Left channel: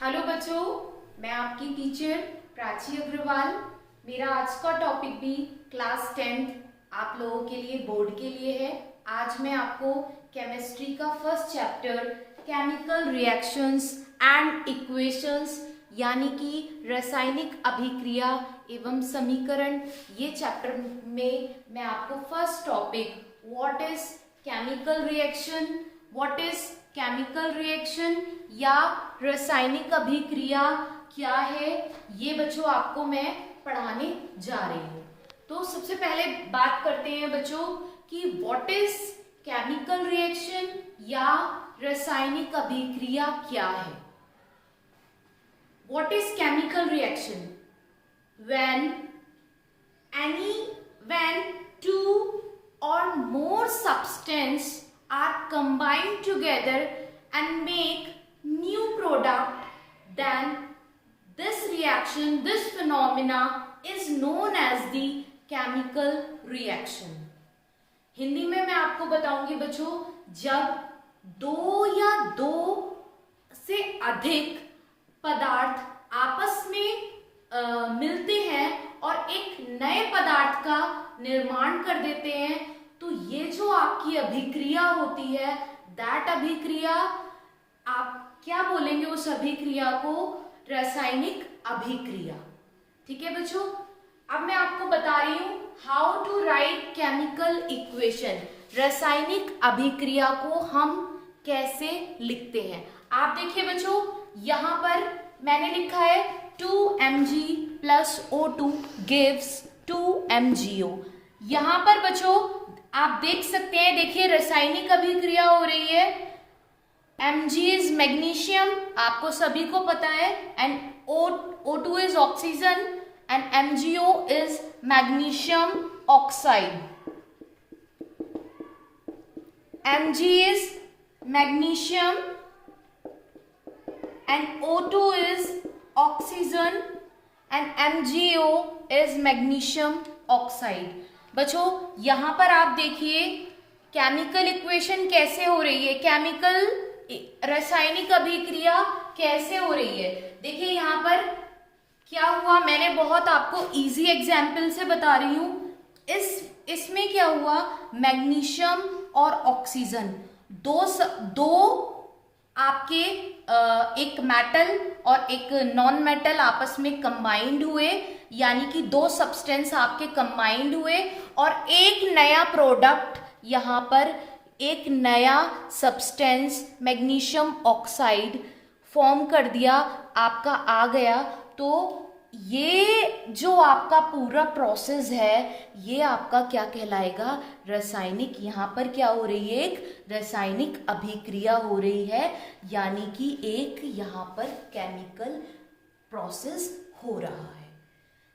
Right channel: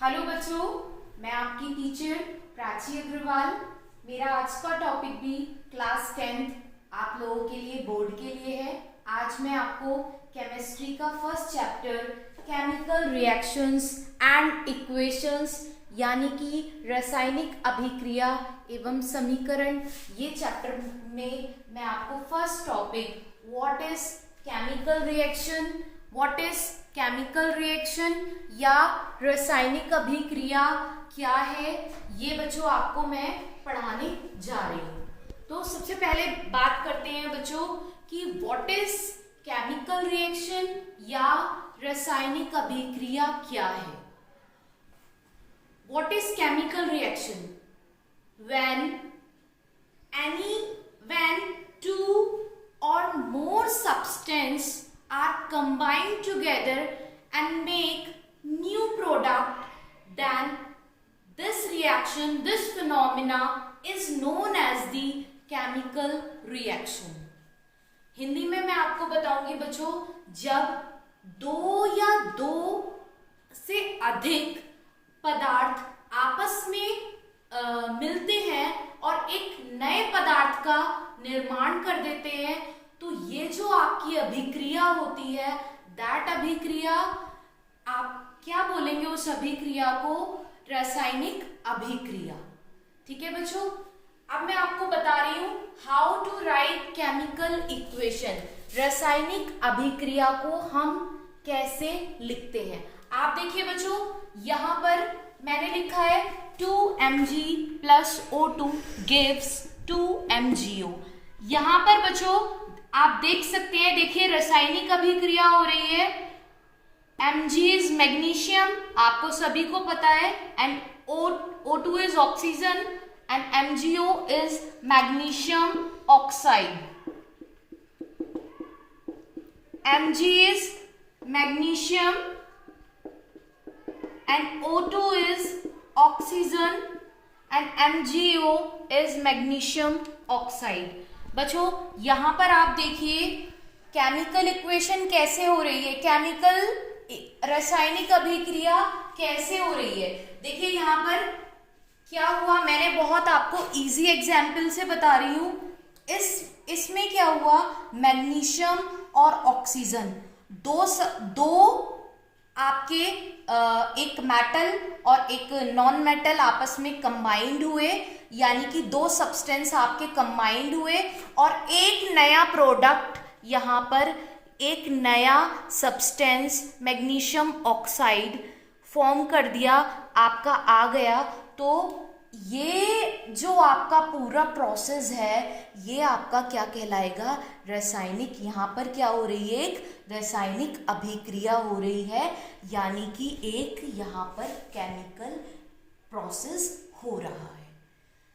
Hello बच्चों, मैं आपकी टीचर प्राची अग्रवाल। मेरा आज का टॉपिक भी क्लास 10th आप लोगों के लिए, बोर्ड के लिए है। आज मैं आपको केमिस्ट्री का first chapter chemical reactions and equations यानी कि रासायनिक अभिक्रिया एवं समीकरण, ये चैप्टर में मैं आपको first topic what is chemical reaction, what is chemical reaction या रासायनिक अभिक्रिया क्या है, ये बच्चों आपको मैं पढ़ाने जा रही हूँ। तो सबसे पहले बात करते हैं बच्चों कि व्हाट इज केमिकल रिएक्शन या रासायनिक अभिक्रिया क्या है। What is chemical reaction? when two or more substance are combined together and make new product, then this reaction, this phenomena is known as the chemical reaction. Hindi में मैं आपको बताऊंगी बच्चों, जब दो या दो से अधिक पदार्थ आपस में मिलते हैं और एक नए पदार्थ का निर्माण कर देते हैं, तो ये जो आपकी अभिक्रिया होती है, दैट अभिक्रिया, आप क्या बोलेंगे उस अभिक्रिया को? रासायनिक अभिक्रिया। ठीक है बच्चों, अब मैं आपको बता रही हूं how to write chemical equation. रासायनिक अभिक्रिया को हम कैसे लिखते हैं, आप देखिए बच्चों, यहां पर मैंने लिखा है 2Mg plus O2 gives 2MgO। यहां पर बच्चों आप देख सकते हैं, देखिए रासायनिक अभिक्रिया हो रही है। Mg इज मैग्नीशियम, आपको सभी को पता है, and O2 is oxygen and MgO is magnesium oxide. Mg is magnesium and O2 is oxygen and MgO is magnesium oxide। बच्चों यहां पर आप देखिए केमिकल इक्वेशन कैसे हो रही है, केमिकल रासायनिक अभिक्रिया कैसे हो रही है। देखिए यहां पर क्या हुआ, मैंने बहुत आपको इजी एग्जाम्पल से बता रही हूं। इसमें क्या हुआ, मैग्नीशियम और ऑक्सीजन दो आपके एक मेटल और एक नॉन मेटल आपस में कंबाइंड हुए, यानी कि दो सब्सटेंस आपके कंबाइंड हुए और एक नया प्रोडक्ट, यहाँ पर एक नया सब्सटेंस मैग्नीशियम ऑक्साइड फॉर्म कर दिया, आपका आ गया। तो ये जो आपका पूरा प्रोसेस है, ये आपका क्या कहलाएगा? रासायनिक। यहाँ पर क्या हो रही है, एक रासायनिक अभिक्रिया हो रही है, यानी कि एक यहाँ पर केमिकल प्रोसेस हो रहा है।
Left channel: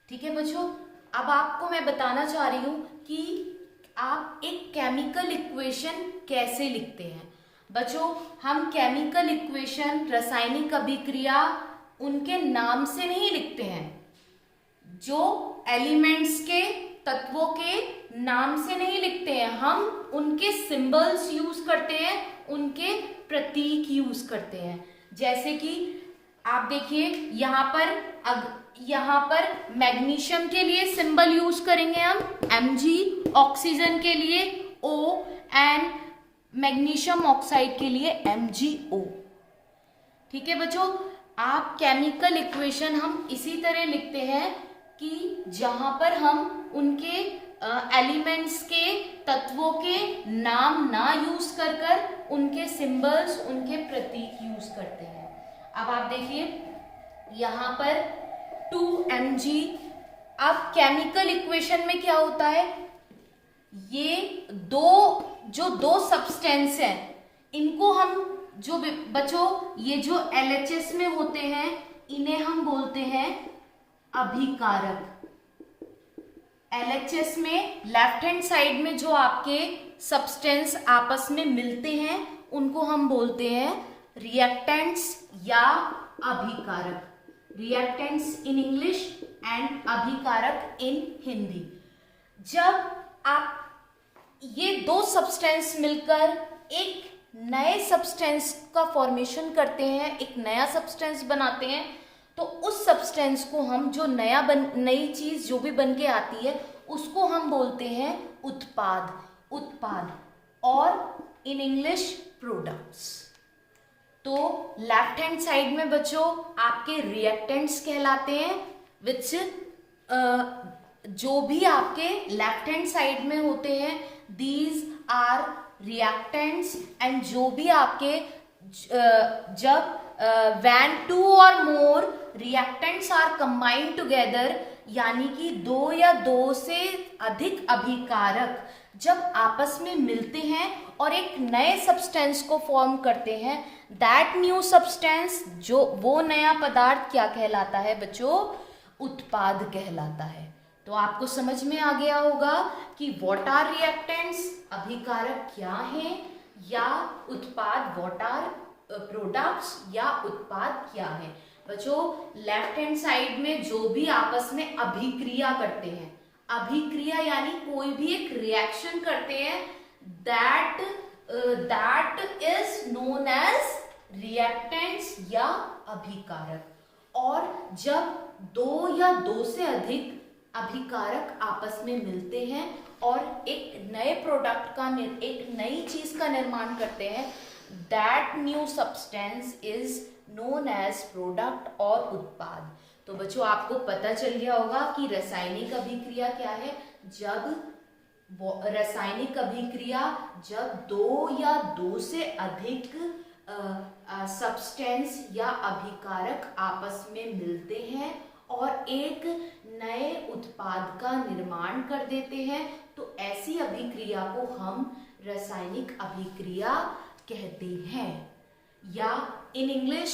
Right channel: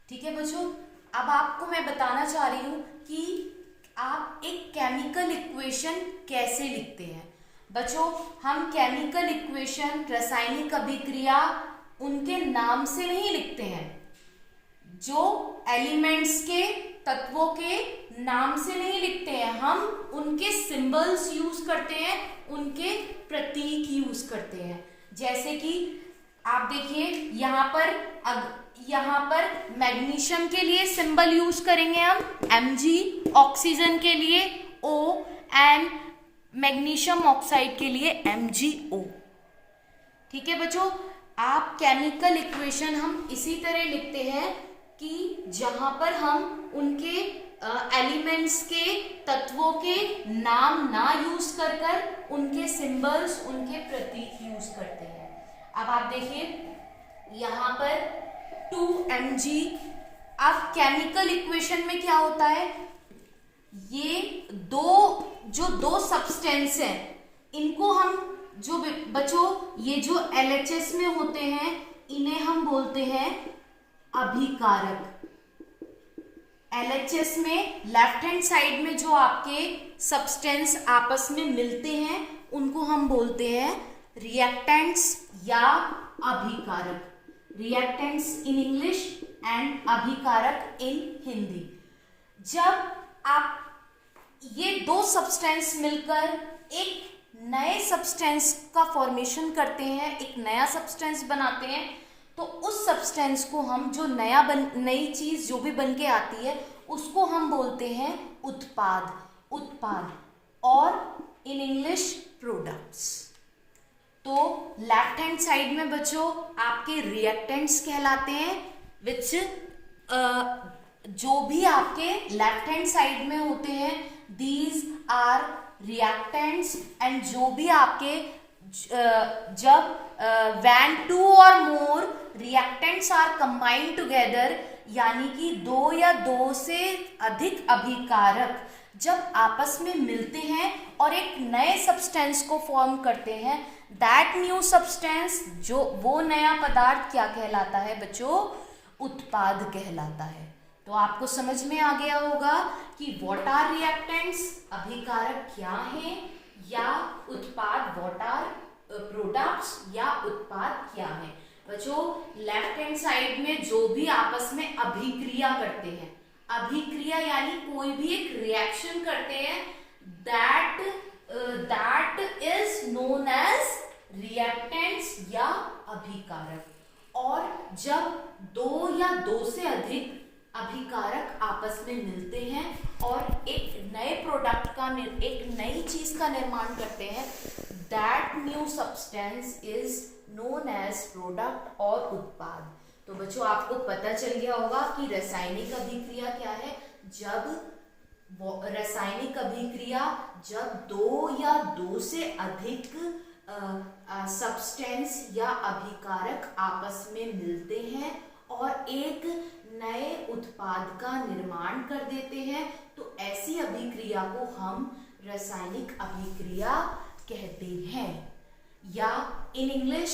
ठीक है बच्चों, अब आपको मैं बताना चाह रही हूँ कि आप एक केमिकल इक्वेशन कैसे लिखते हैं। बच्चों हम केमिकल इक्वेशन, रासायनिक अभिक्रिया उनके नाम से नहीं लिखते हैं, जो एलिमेंट्स के, तत्वों के नाम से नहीं लिखते हैं, हम उनके सिंबल्स यूज करते हैं, उनके प्रतीक यूज करते हैं। जैसे कि आप देखिए यहाँ पर मैग्नीशियम के लिए सिंबल यूज करेंगे हम Mg, ऑक्सीजन के लिए O एंड मैग्नीशियम ऑक्साइड के लिए MgO। ठीक है बच्चों, आप केमिकल इक्वेशन हम इसी तरह लिखते हैं कि जहां पर हम उनके एलिमेंट्स के, तत्वों के नाम ना यूज कर उनके सिंबल्स, उनके प्रतीक यूज करते हैं। अब आप देखिए यहां पर 2Mg, अब केमिकल इक्वेशन में क्या होता है, ये दो सब्सटेंस हैं, इनको हम जो बच्चों ये जो LHS में होते हैं, इन्हें हम बोलते हैं अभिकारक। LHS में लेफ्ट हैंड साइड में जो आपके सब्सटेंस आपस में मिलते हैं, उनको हम बोलते हैं रिएक्टेंट्स या अभिकारक। रिएक्टेंट्स इन इंग्लिश एंड अभिकारक इन हिंदी। जब आप ये दो सब्सटेंस मिलकर एक नए सब्सटेंस का फॉर्मेशन करते हैं, एक नया सब्सटेंस बनाते हैं, तो उस सब्सटेंस को हम जो नई चीज जो भी बन के आती है उसको हम बोलते हैं उत्पाद। उत्पाद और इन इंग्लिश प्रोडक्ट्स। तो लेफ्ट हैंड साइड में बच्चों आपके रिएक्टेंट्स कहलाते हैं, विच जो भी आपके लेफ्ट हैंड साइड में होते हैं दीज आर रिएक्टेंट्स। एंड जो भी आपके जब व्हेन टू और more reactants are combined together, यानी कि दो या दो से अधिक अभिकारक जब आपस में मिलते हैं और एक नए सब्सटेंस को फॉर्म करते हैं, दैट न्यू सब्सटेंस, जो वो नया पदार्थ क्या कहलाता है बच्चों? उत्पाद कहलाता है। तो आपको समझ में आ गया होगा कि व्हाट आर रिएक्टेंट्स, अभिकारक क्या हैं, या उत्पाद व्हाट आर प्रोडक्ट्स, या उत्पाद क्या है। बच्चों लेफ्ट हैंड साइड में जो भी आपस में अभिक्रिया करते हैं, अभिक्रिया यानी कोई भी एक रिएक्शन करते हैं, that is known as reactants या अभिकारक। और जब दो या दो से अधिक अभिकारक आपस में मिलते हैं और एक नए प्रोडक्ट का, एक नई चीज का निर्माण करते हैं, that new substance is known as product और उत्पाद। तो बच्चों आपको पता चल गया होगा कि रासायनिक अभिक्रिया क्या है। जब रासायनिक अभिक्रिया जब दो या दो से अधिक सब्सटेंस या अभिकारक आपस में मिलते हैं और एक नए उत्पाद का निर्माण कर देते हैं, तो ऐसी अभिक्रिया को हम रासायनिक अभिक्रिया कहते हैं। या in English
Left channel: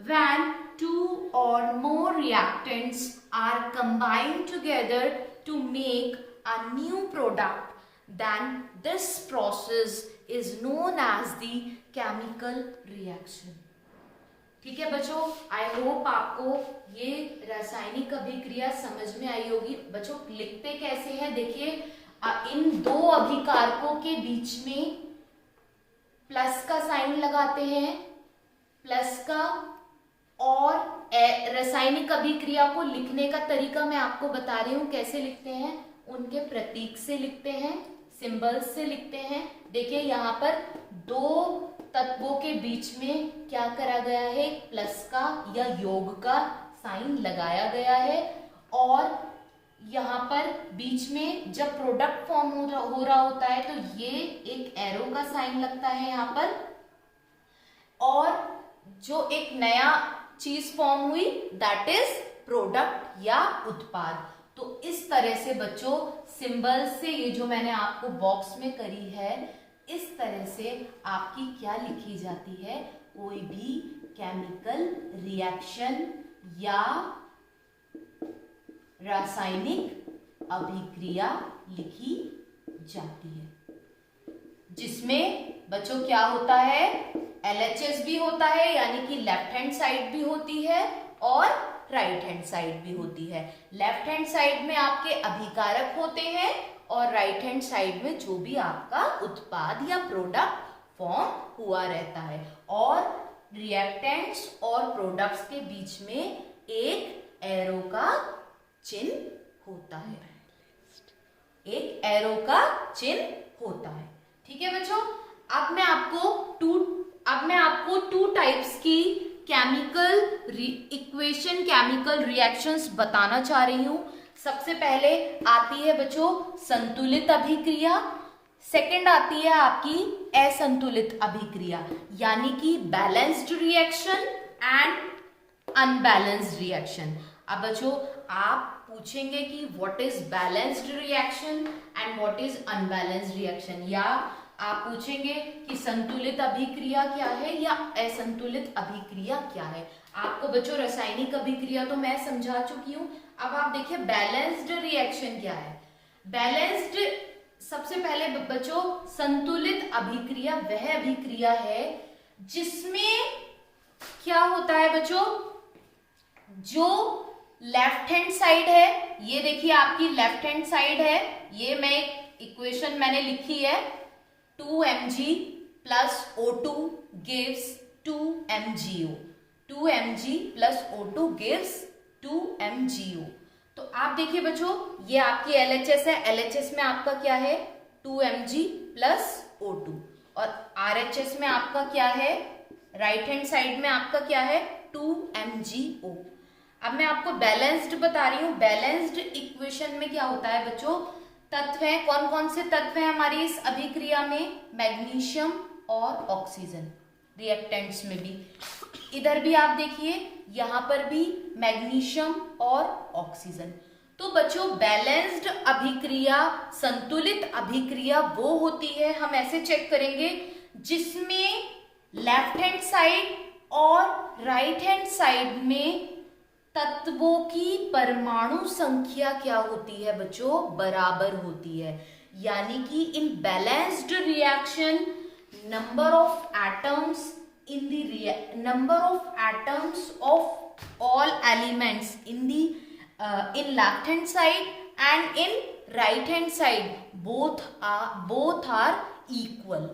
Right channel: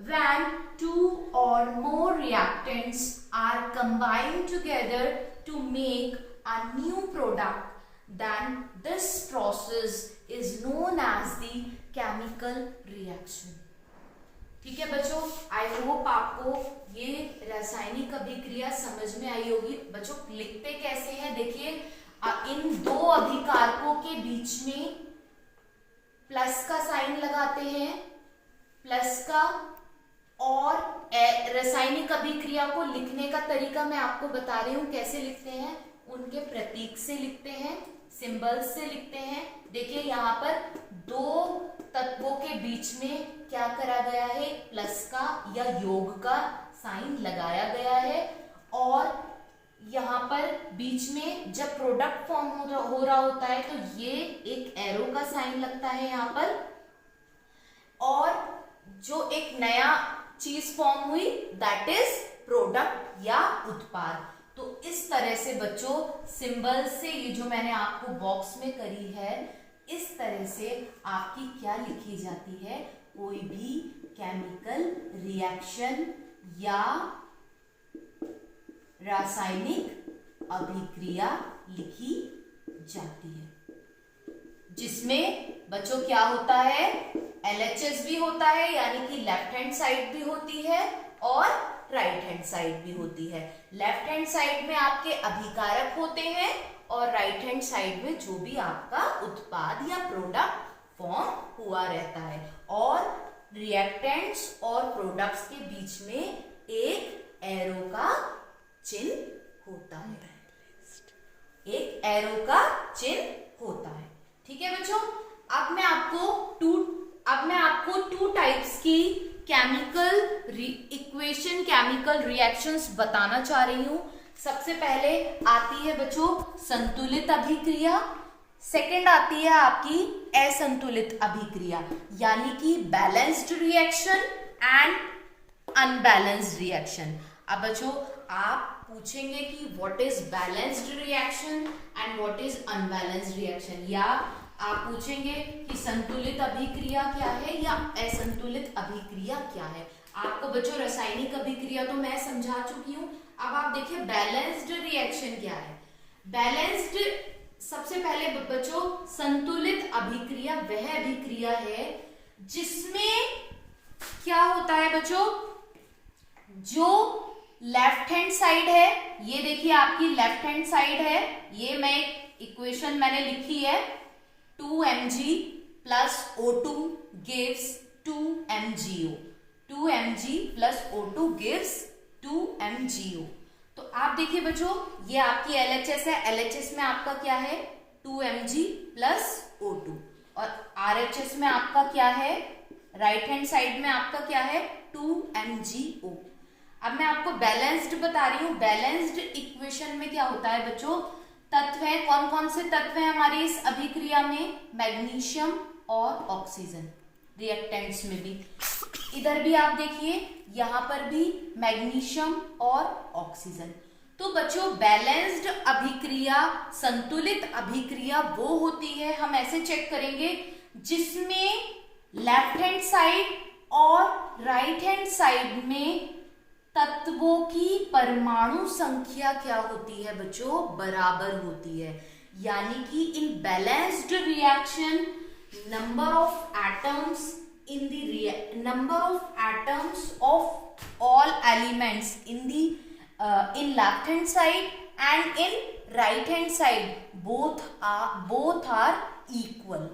when two or more reactants are combined together to make a new product, then this process is known as the chemical reaction। ठीक है बच्चों, आई होप आपको ये रासायनिक अभिक्रिया समझ में आई होगी। बच्चों लिखते कैसे हैं देखिए, इन दो अभिकारकों के बीच में प्लस का साइन लगाते हैं, प्लस का, और रासायनिक अभिक्रिया को लिखने का तरीका मैं आपको बता रही हूं कैसे लिखते हैं। उनके प्रतीक से लिखते हैं, सिंबल्स से लिखते हैं। देखिए यहाँ पर दो तत्वों के बीच में क्या करा गया है, प्लस का या योग का साइन लगाया गया है, और यहाँ पर बीच में जब प्रोडक्ट फॉर्म हो रहा होता है तो ये एक एरो का साइन लगता है यहाँ पर, और जो एक नया चीज फॉर्म हुई दैट इज प्रोडक्ट या उत्पाद। तो इस तरह से बच्चों सिंबल से, ये जो मैंने आपको बॉक्स में करी है, इस तरह से आपकी क्या लिखी जाती है, कोई भी केमिकल रिएक्शन या रासायनिक अभिक्रिया लिखी जाती है, जिसमें बच्चों क्या होता है, LHS भी होता है, यानी कि लेफ्ट हैंड साइड भी होती है और राइट हैंड साइड भी होती है। लेफ्ट हैंड साइड में आपके अभिकारक होते हैं और राइट हैंड साइड में जो भी आपका उत्पाद या प्रोडक्ट फॉर्म हुआ रहता है, और रिएक्टेंट्स और प्रोडक्ट्स के बीच में एक एरो का चिन्ह होता है, एक एरो का चिन्ह होता है। ठीक है बच्चों, अब मैं आपको टू टाइप्स की केमिकल इक्वेशन, केमिकल रिएक्शंस बताना चाह रही हूं। सबसे पहले आती है बच्चों संतुलित अभिक्रिया, सेकंड आती है आपकी असंतुलित अभिक्रिया, यानी कि balanced reaction and unbalanced reaction. अब बच्चों आप पूछेंगे कि what is balanced reaction and what is unbalanced reaction, या आप पूछेंगे कि संतुलित अभिक्रिया क्या है या असंतुलित अभिक्रिया क्या है। आपको बच्चों रासायनिक अभिक्रिया तो मैं समझा चुकी हूं। अब आप देखिए बैलेंस्ड रिएक्शन क्या है। बैलेंस्ड, सबसे पहले बच्चों संतुलित अभिक्रिया वह अभिक्रिया है जिसमें क्या होता है बच्चों, जो लेफ्ट हैंड साइड है, ये देखिए आपकी लेफ्ट हैंड साइड है, ये मैं एक इक्वेशन मैंने लिखी है, 2 mg plus O2 gives 2 MgO. 2 mg plus O2 gives 2 MgO. तो आप देखिए बच्चों, ये आपकी LHS है, LHS में आपका क्या है 2 mg plus O2, और RHS में आपका क्या है, राइट हैंड साइड में आपका क्या है 2 MgO. अब मैं आपको बैलेंस्ड बता रही हूं. बैलेंस्ड इक्वेशन में क्या होता है बच्चों, तत्व है, कौन कौन से तत्व हैं हमारी इस अभिक्रिया में, मैग्नीशियम और ऑक्सीजन. रिएक्टेंट्स में भी, इधर भी आप देखिए, यहां पर भी मैग्नीशियम और ऑक्सीजन. तो बच्चों बैलेंस्ड अभिक्रिया, संतुलित अभिक्रिया वो होती है, हम ऐसे चेक करेंगे, जिसमें लेफ्ट हैंड साइड और राइट हैंड साइड में तत्वों की परमाणु संख्या क्या होती है बच्चों, बराबर होती है. यानी कि इन balanced reaction number of atoms of all elements in left hand side and in right hand side both are equal.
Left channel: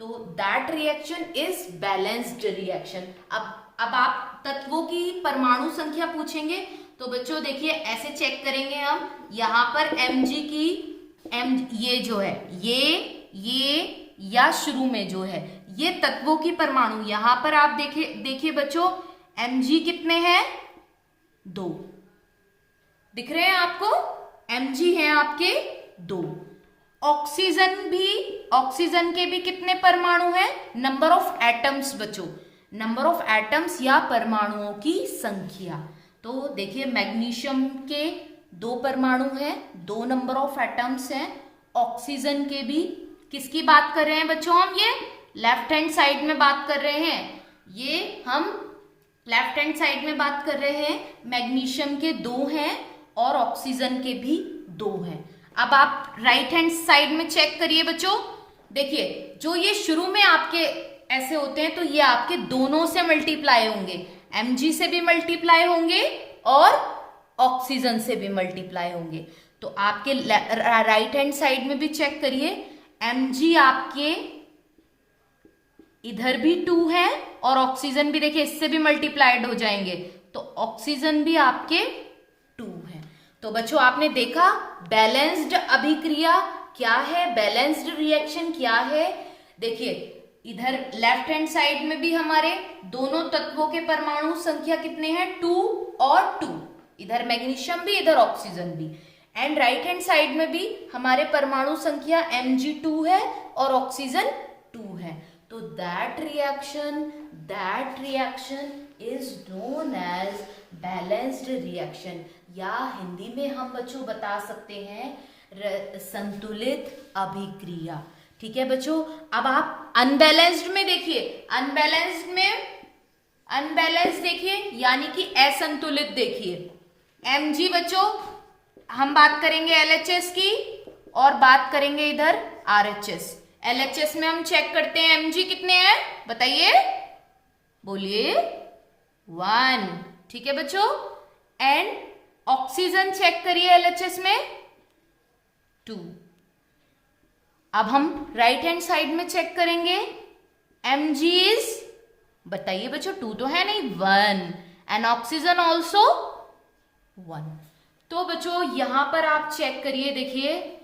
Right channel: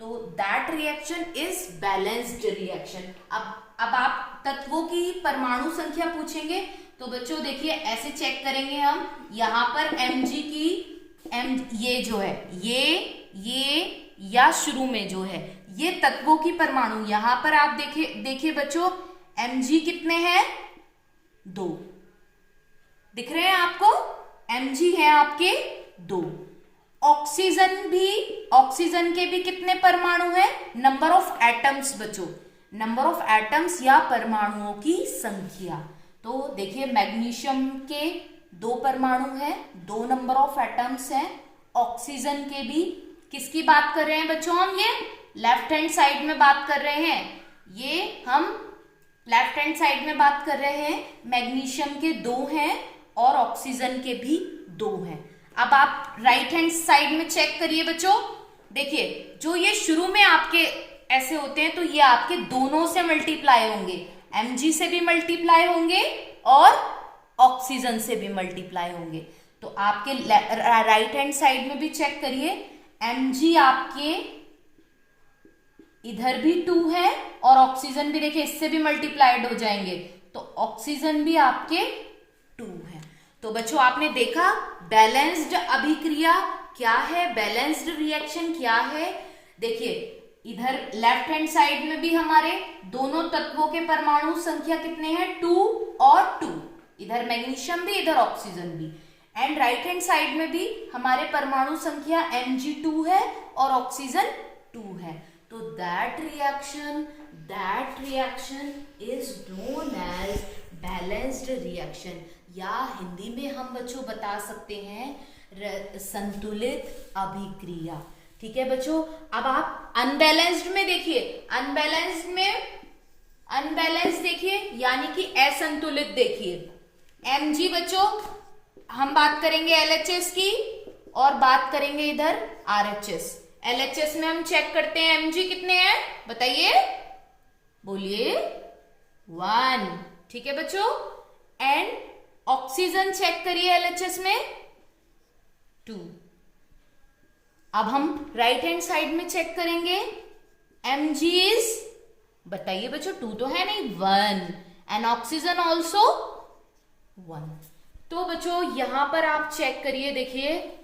तो that reaction is balanced reaction. अब आप तत्वों की परमाणु संख्या पूछेंगे तो बच्चों देखिए ऐसे चेक करेंगे हम, यहां पर Mg की ये जो है ये या शुरू में जो है ये तत्वों की परमाणु, यहां पर आप देखिए बच्चों Mg कितने हैं, 2 दिख रहे हैं आपको, Mg है आपके 2. ऑक्सीजन के भी कितने परमाणु हैं, नंबर ऑफ एटम्स बच्चों, नंबर ऑफ एटम्स या परमाणुओं की संख्या. तो देखिए मैग्नीशियम के 2 परमाणु हैं, 2 नंबर ऑफ एटम्स हैं. ऑक्सीजन के भी, किसकी बात कर रहे हैं बच्चों हम, ये लेफ्ट हैंड साइड में बात कर रहे हैं, ये हम लेफ्ट हैंड साइड में बात कर रहे हैं. मैग्नीशियम के 2 हैं और ऑक्सीजन के भी 2 हैं. अब आप राइट हैंड साइड में चेक करिए बच्चों, देखिए जो ये शुरू में आपके ऐसे होते हैं तो ये आपके दोनों से मल्टीप्लाई होंगे, Mg से भी मल्टीप्लाई होंगे और ऑक्सीजन से भी मल्टीप्लाई होंगे. तो आपके राइट हैंड साइड में भी चेक करिए, Mg आपके इधर भी 2 है और ऑक्सीजन भी देखिए इससे भी मल्टीप्लाइड हो जाएंगे, तो ऑक्सीजन भी आपके 2 है. तो बच्चों आपने देखा बैलेंस्ड अभिक्रिया क्या है, बैलेंस्ड रिएक्शन क्या है. देखिए इधर लेफ्ट हैंड साइड में भी हमारे दोनों तत्वों के परमाणु संख्या कितने हैं, 2 और 2, इधर मैग्नीशियम भी इधर ऑक्सीजन भी. एंड राइट हैंड साइड में भी हमारे परमाणु संख्या Mg2 है और ऑक्सीजन 2 है. तो that reaction is known as balanced reaction, या हिंदी में हम बच्चों बता सकते हैं संतुलित अभिक्रिया. ठीक है बच्चों. अब आप अनबैलेंस्ड में देखिए, अनबैलेंस्ड देखिए यानी कि असंतुलित देखिए. Mg बच्चों हम बात करेंगे LHS की और बात करेंगे इधर RHS. LHS में हम चेक करते हैं Mg कितने हैं, बताइए, बोलिए 1. ठीक है बच्चों. एंड ऑक्सीजन चेक करिए LHS में 2. अब हम राइट हैंड साइड में चेक करेंगे, Mg इज, बताइए बच्चों, 2 तो है नहीं, 1. And oxygen also 1. तो बच्चों यहां पर आप चेक करिए, देखिए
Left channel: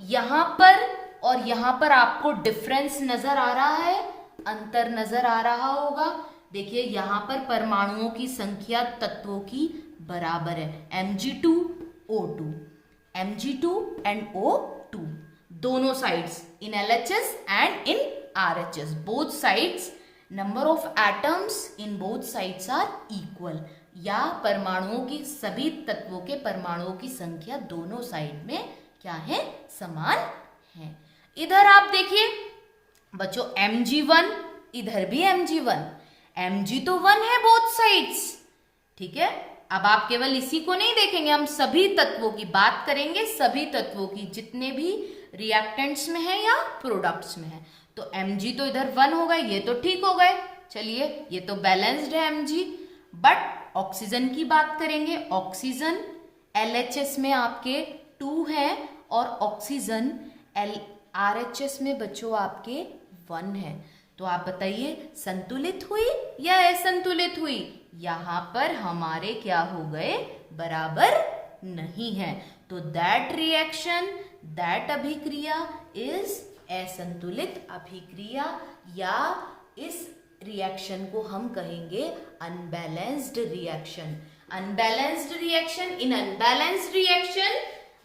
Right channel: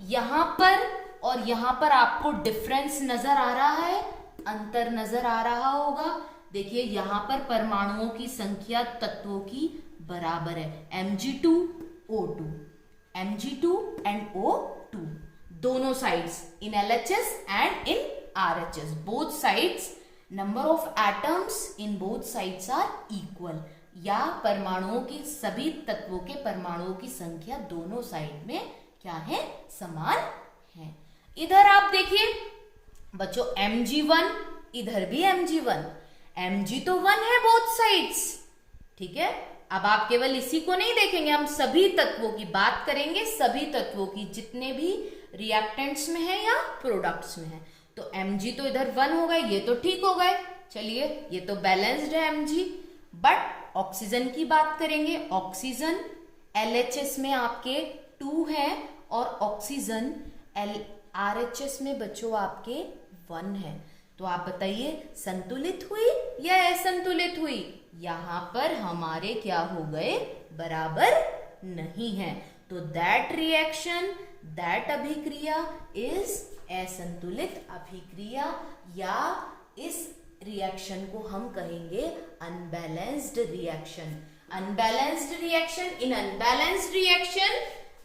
यहां पर और यहां पर आपको डिफरेंस नजर आ रहा है, अंतर नजर आ रहा होगा. देखिए यहां पर परमाणुओं की संख्या तत्वों की बराबर है, Mg2 O2, Mg2 and O2 दोनों sides, in LHS and in RHS both sides number of atoms in both sides are equal, या परमाणुओं की, सभी तत्वों के परमाणुओं की संख्या दोनों साइड में क्या है, समान है. इधर आप देखिए बच्चों Mg1, इधर भी Mg1, Mg तो 1 है बोथ साइड्स. ठीक है. अब आप केवल इसी को नहीं देखेंगे, हम सभी तत्वों की बात करेंगे, सभी तत्वों की जितने भी रिएक्टेंट्स में है या प्रोडक्ट्स में है. तो Mg तो इधर 1 हो गए, ये तो ठीक हो गए, चलिए ये तो बैलेंस्ड है Mg. बट ऑक्सीजन की बात करेंगे, ऑक्सीजन LHS में आपके 2 है और ऑक्सीजन RHS में बच्चों आपके 1 है। तो आप बताइए संतुलित हुई या असंतुलित हुई? यहाँ पर हमारे क्या हो गए? बराबर नहीं है। तो दैट रिएक्शन, दैट अभिक्रिया इज असंतुलित अभिक्रिया, या इस रिएक्शन को हम कहेंगे unbalanced reaction. Unbalanced reaction, in unbalanced reaction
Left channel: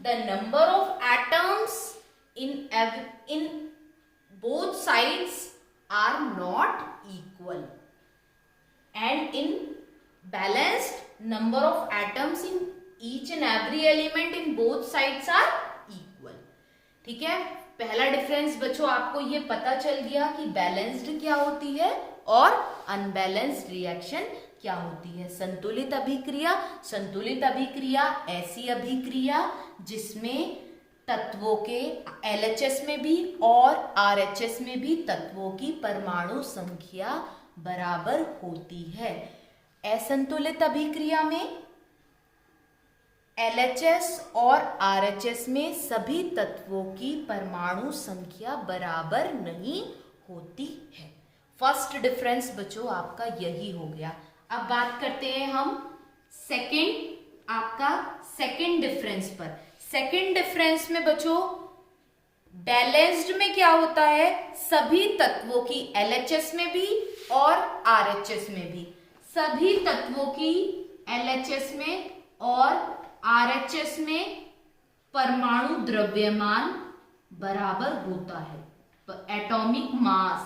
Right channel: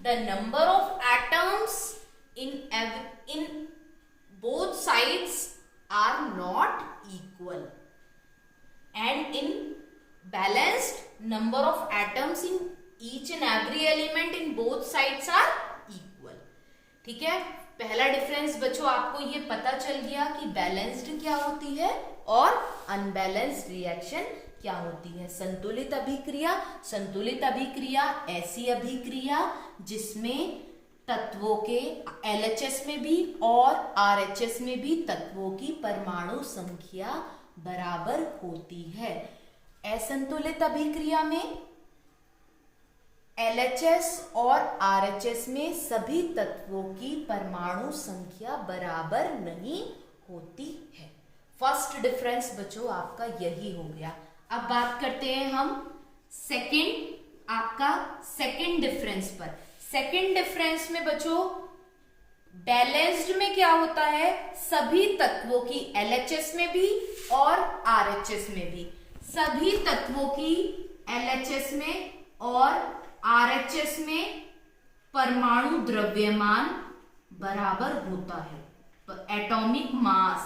the number of atoms in both sides are not equal, and in balanced number of atoms in each and every element in both sides are equal। ठीक है, पहला difference बच्चों आपको ये पता चल गया कि बैलेंस्ड क्या होती है और अनबैलेंस्ड रिएक्शन क्या होती है। संतुलित अभिक्रिया, संतुलित अभिक्रिया ऐसी अभिक्रिया जिसमें तत्वों के LHS में भी और RHS में भी तत्वों की परमाणु संख्या बराबर होती है। असंतुलित अभिक्रिया में LHS और RHS में सभी तत्वों की परमाणु संख्या बराबर नहीं होती है। फर्स्ट डिफरेंस बच्चों आपका यही हो गया। अब बात करते हैं हम सेकंड डिफरेंस पर। सेकंड डिफरेंस में बच्चों बैलेंस्ड में क्या होता है? सभी तत्वों की LHS में भी और RHS में भी, सभी तत्वों की LHS में और RHS में परमाणु द्रव्यमान बराबर होता है। एटॉमिक मास,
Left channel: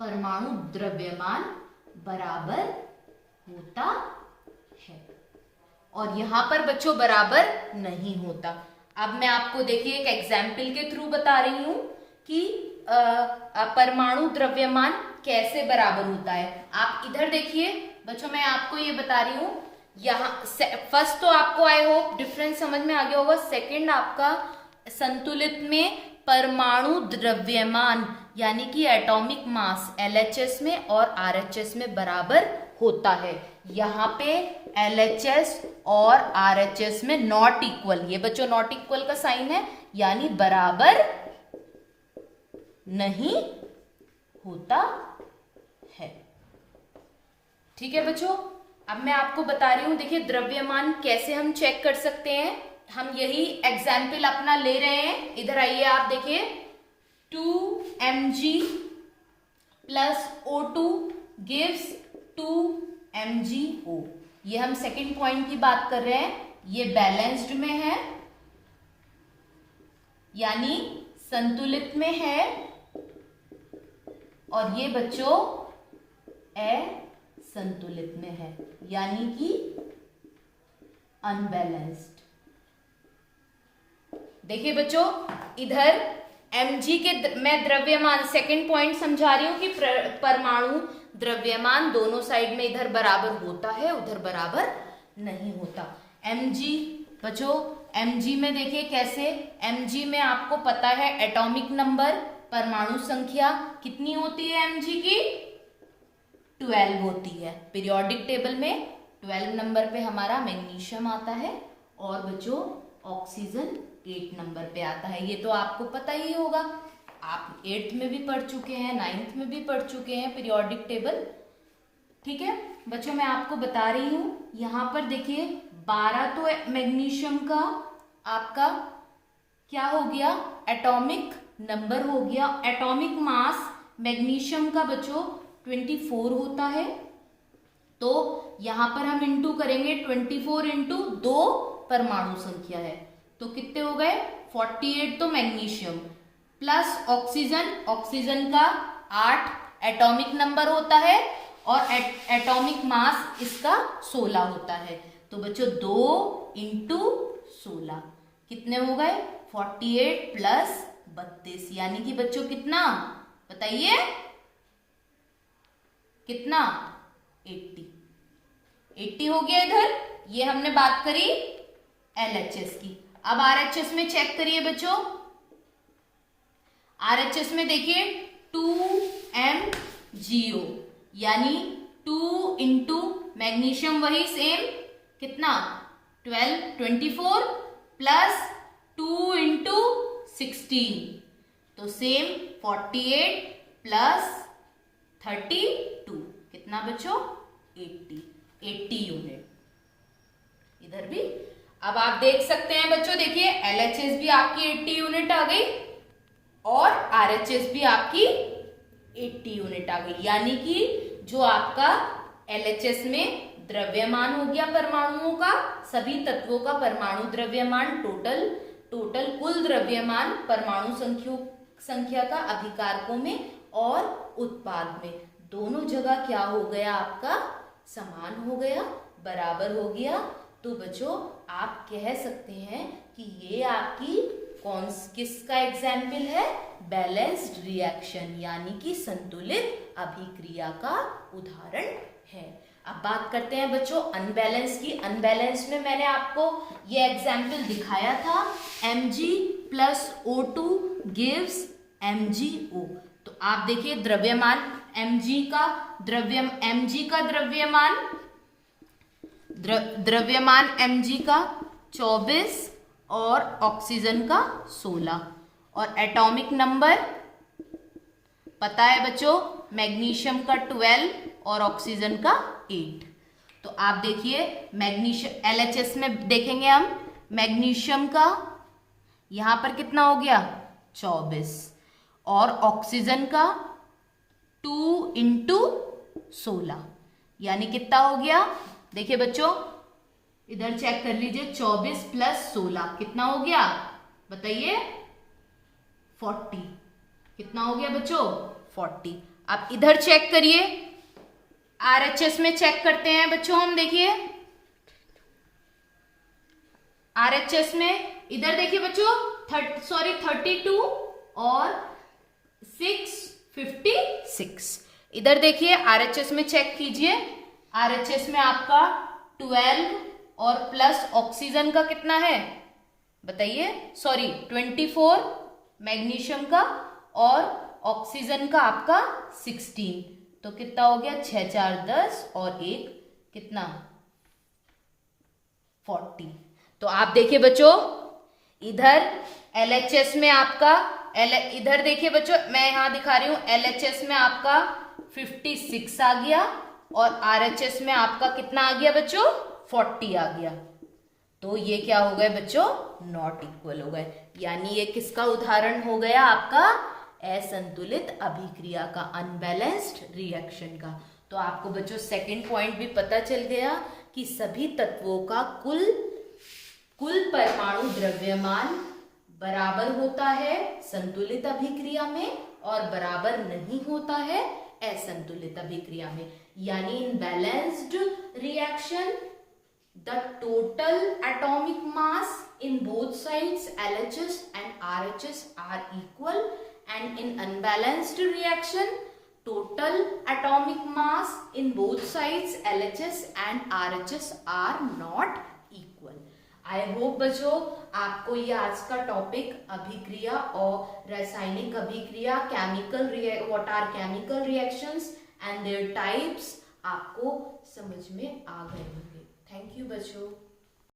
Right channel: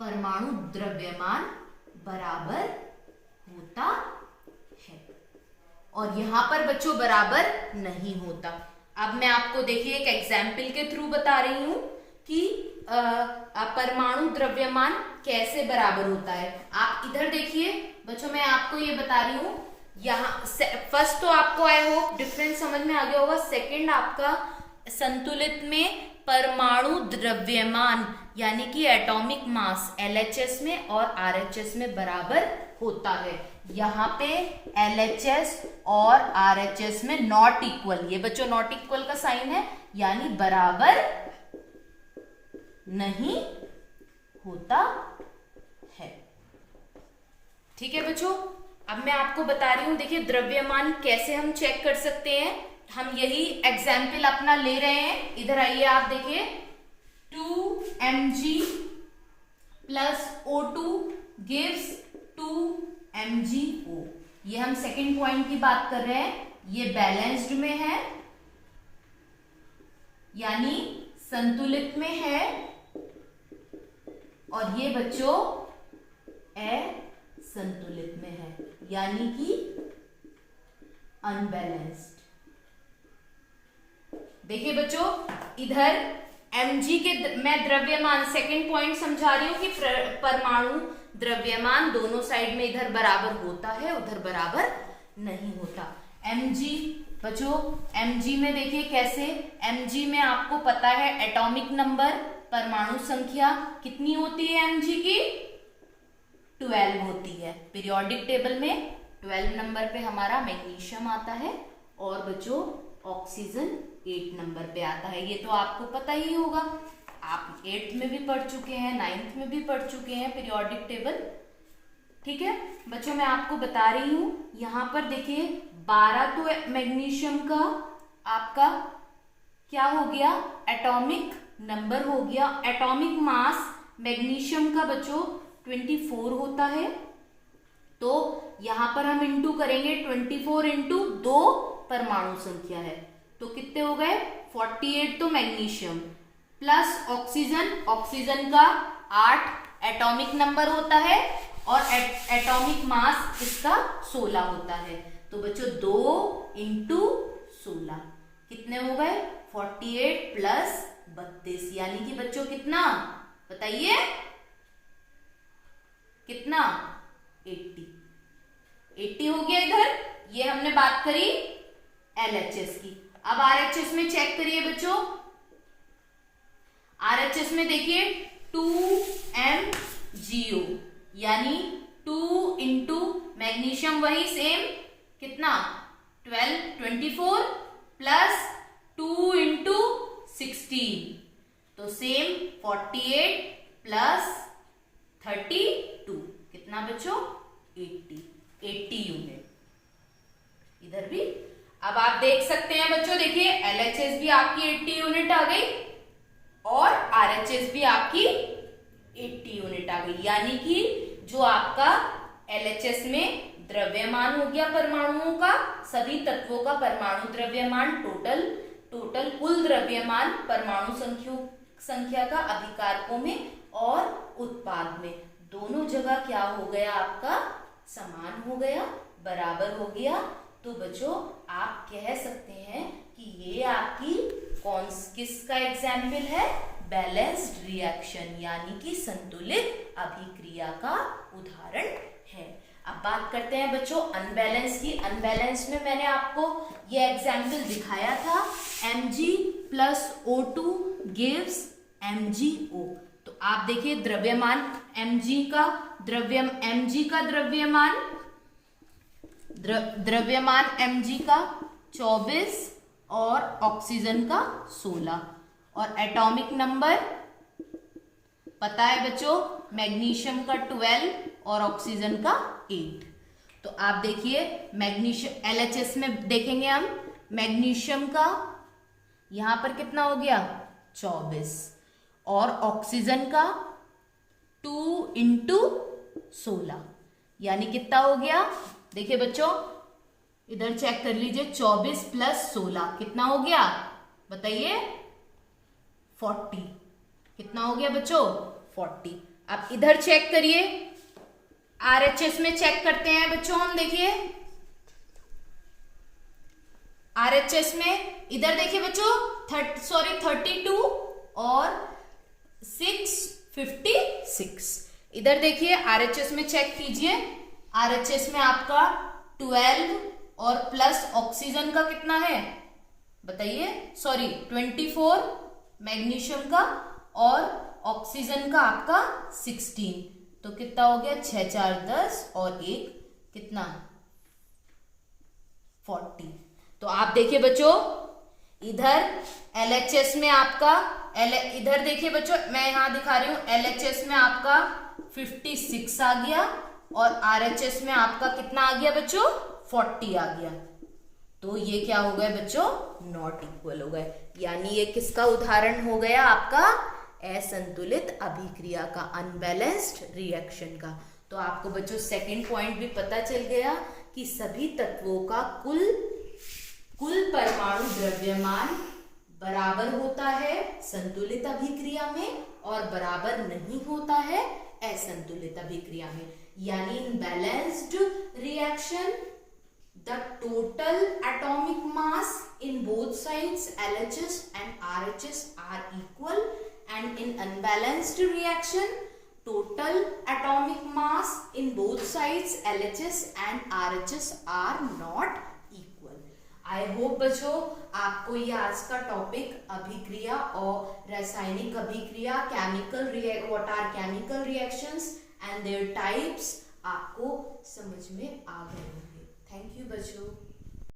परमाणु द्रव्यमान बराबर होता है, और यहां पर बच्चों बराबर नहीं होता। अब मैं आपको देखिए एक एग्जाम्पल के थ्रू बता रही हूं कि परमाणु द्रव्यमान कैसे बराबर होता है। आप इधर देखिए बच्चों, मैं आपको ये बता रही हूं। यहाँ फर्स्ट तो आपको आई होप डिफरेंस समझ में आ गया होगा। सेकंड आपका संतुलित में परमाणु द्रव्यमान यानी कि एटॉमिक मास LHS में और RHS में बराबर होता है। यहाँ पे LHS और RHS में नॉट इक्वल, ये बच्चों नॉट इक्वल का साइन है, यानी बराबर नहीं होता है। ठीक है बच्चों, अब मैं आपको बता रही हूं, देखिए द्रव्यमान कैसे हम चेक कर सकते हैं। हम यही एग्जाम्पल अपना ले रहे हैं। इधर आइए, आप देखिए 2mg plus O2 gives 2mgO। ये हम सेकेंड पॉइंट की बात कर रहे हैं। ये बैलेंस्ड में है यानी संतुलित में है, और ये बच्चों असंतुलित में है यानी कि अनबैलेंस्ड। देखिए बच्चों, इधर mg के मैं द्रव्यमान सेकंड पॉइंट समझा रही हूं कि परमाणु द्रव्यमान दोनों साइड में इधर बराबर होता है, उधर बराबर नहीं होता। mg बच्चों, mg में देखिए कैसे, mg में आपको पता है एटॉमिक नंबर, परमाणु संख्या कितनी होती है mg की? 12 होती है। पीरियोडिक टेबल में 12 नंबर पे हमारा मैग्नीशियम आता है, और बच्चों ऑक्सीजन 8 नंबर पे आता है। ये तो आपको पता ही होगा, आप 8th में भी पढ़ चुके हैं, 9th में भी पढ़ चुके हैं पीरियोडिक टेबल। ठीक है बच्चों, मैं आपको बता रही हूं, यहां पर देखिए 12 तो मैग्नीशियम का आपका क्या हो गया? एटॉमिक नंबर हो गया। एटॉमिक मास मैग्नीशियम का बच्चों 24 होता है, तो यहां पर हम इंटू करेंगे 24 इंटू 2 परमाणु संख्या है, तो कितने हो गए? 48 तो मैग्नीशियम प्लस ऑक्सीजन, ऑक्सीजन का 8 एटॉमिक नंबर होता है, और एटॉमिक मास इसका 16 होता है। तो बच्चों 2 इंटू 16 कितने हो गए? 48 प्लस 32, यानी कि बच्चों कितना बताइए, कितना? 80 हो गया। इधर ये हमने बात करी LHS की। अब RHS में चेक करिए बच्चों, RHS में देखिए 2mgO यानी 2 इंटू मैग्नीशियम वही सेम कितना 12 24 प्लस 2 इंटू 16, तो सेम 48 प्लस 32 कितना बच्चों 80 यूनिट। इधर भी अब आप देख सकते हैं बच्चों, देखिए LHS भी आपकी 80 यूनिट आ गई और RHS भी आपकी 80 यूनिट आ गई, यानी कि जो आपका LHS में द्रव्यमान हो गया परमाणुओं का, सभी तत्वों का परमाणु द्रव्यमान, टोटल कुल द्रव्यमान परमाणु संख्या का अभिकारकों में और उत्पाद में, दोनों जगह क्या हो गया आपका समान हो गया, बराबर हो गया। तो बच्चों आप कह सकते हैं कि ये आपकी किसका एग्जाम्पल है, बैलेंस्ड रिएक्शन यानी कि संतुलित अभिक्रिया का उदाहरण है। अब बात करते हैं बच्चों अनबैलेंस की। अनबैलेंस में मैंने आपको ये एग्जाम्पल दिखाया था, Mg plus O2 gives MgO। तो आप देखिए द्रव्यमान Mg का द्रव्यमान Mg का 24 और ऑक्सीजन का 16 और एटॉमिक नंबर पता है बच्चों, मैग्नीशियम का 12 और ऑक्सीजन का 8। तो आप देखिए मैग्नीशियम LHS में देखेंगे हम, मैग्नीशियम का यहां पर कितना हो गया 24 और ऑक्सीजन का 2 इंटू 16 यानी कितना हो गया, देखिए बच्चों इधर चेक कर लीजिए, 24 प्लस 16 कितना हो गया बताइए 40। कितना हो गया बच्चों 40। अब इधर चेक करिए, RHS में चेक करते हैं बच्चों हम, देखिए RHS में इधर देखिए बच्चों 32 और 656। इधर देखिए RHS में चेक कीजिए, RHS में आपका 12 और प्लस ऑक्सीजन का कितना है बताइए, 24 मैग्नीशियम का और ऑक्सीजन का आपका 16। तो कितना हो गया 6 4 10 और 1 कितना 40। तो आप देखिए बच्चों इधर LHS में आपका इधर देखिए बच्चों मैं यहां दिखा रही हूं, LHS में आपका 56 आ गया और RHS में आपका कितना आ गया बच्चों 40 आ गया। तो ये क्या हो गए बच्चों नॉट इक्वल हो गए, यानी ये किसका उदाहरण हो गया आपका असंतुलित अभिक्रिया का, अनबैलेंस्ड रिएक्शन का। तो आपको बच्चों सेकंड पॉइंट भी पता चल गया कि सभी तत्वों का कुल परमाणु द्रव्यमान बराबर होता है संतुलित अभिक्रिया में और बराबर नहीं होता है असंतुलित अभिक्रिया में, यानी इन balanced reaction the total atomic mass in both sides LHS and RHS are equal, and in unbalanced reaction total atomic mass in both sides LHS and RHS are not equal. I hope बच्चों आपको ये आज का topic अभिक्रिया और रासायनिक अभिक्रिया what are chemical reactions and their types आपको समझ में आ गए होंगे। थैंक यू बच्चों।